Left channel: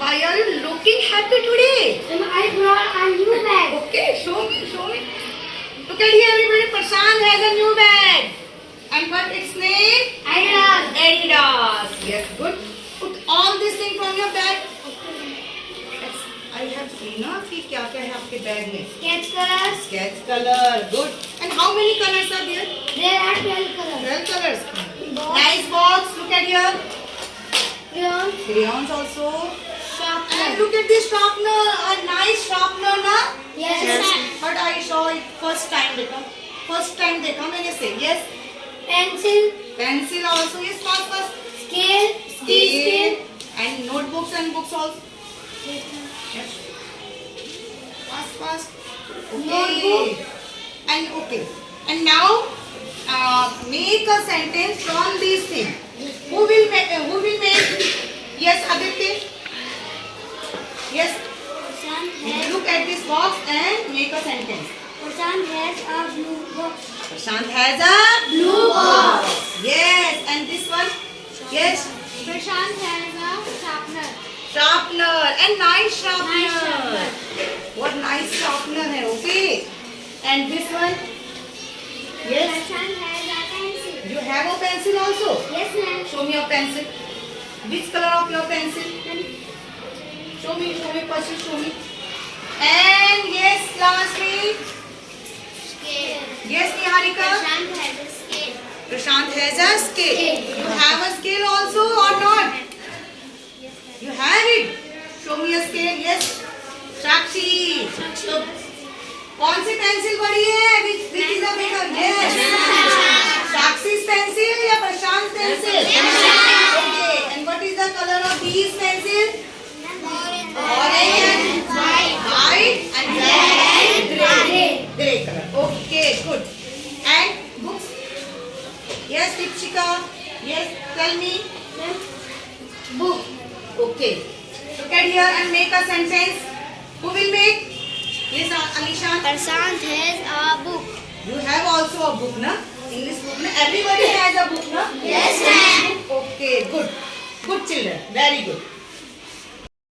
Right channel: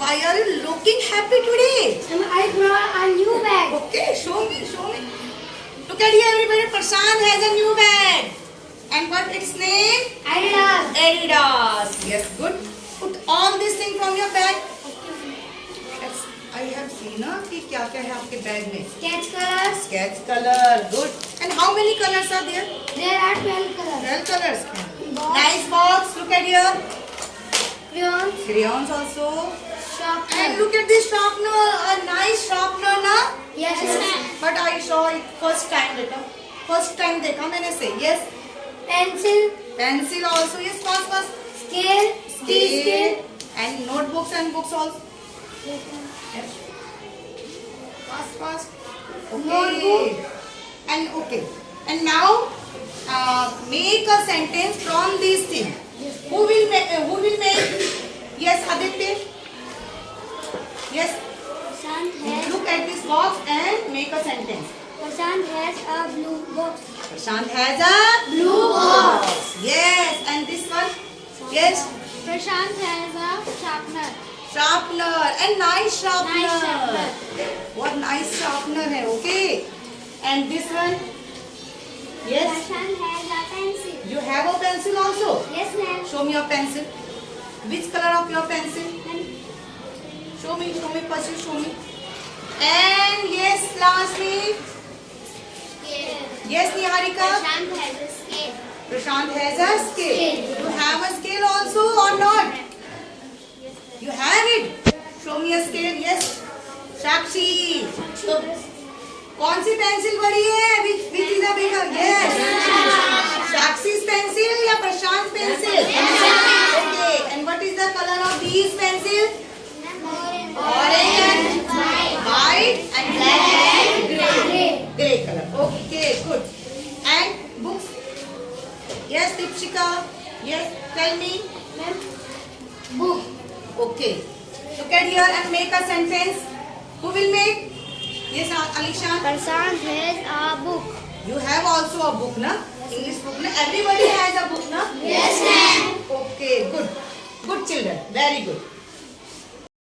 why are you looking happy today? I brought a new bag. Okay, show me, show me. Look at here, everybody. Prashant has a new bag. And what its name? Adidas. Adidas. Yes, good. Put all these things on your bag. I have seen ना कि क्या क्या है आपके bag में. Sketch colors. Sketch color. Good. And how many colors are there? There are 12 colors. 12 colors. Box. Nice box. Look at here. Crayons. Crayons also. Sharpener. And look at this sharpener. A nice sharpener ना? Yes. But I saw it first time देखा. First time देखा मैंने से. Yes. Pencil. Pencil also. Yes, fast fast. Scale. Scale. And notebooks and books also. Yes. Fast fast. Okay. Notebook. And okay. And now make a sentence from these things. Who will make? Yes, Aditya. Yes. Look at this box and make a sentence. Prashant has a blue box. Prashant has a blue box. Yes. And this one? Yes. Prashant has a sharpener. Sharpener. And nice sharpener. Nice sharpener. What nice sharpener है, okay. And this one? Yes. Prashant has a pencil. You have a pencil also? Yes, ma'am. Show me your pencil. Which color of your pencil? Show me, first you show me. And yes, lastly. Scale. Yes, Niharika. Prashant has a scale. Prashant has a scale. You have a scale also or not? Yes, You have it. Show me a scale. Yes. Sakshi. So, कौन सी pencil बड़ी है? Which is a bigger? Yes. Sakshi's pencil या प्रशांत pencil? Okay. And what is the color of these pencils? Orange, white, and black and gray. Gray color. Okay, good. And books? Yes, Dipshika. Yes, tell me. Book. Okay. Look at here and make a sentence. Who will make? Yes, Alisha. Prashant has a book. You have also a book, na? English book, na? Everybody has a book, na? Yes, ma'am. Okay, good. Good children. Very good.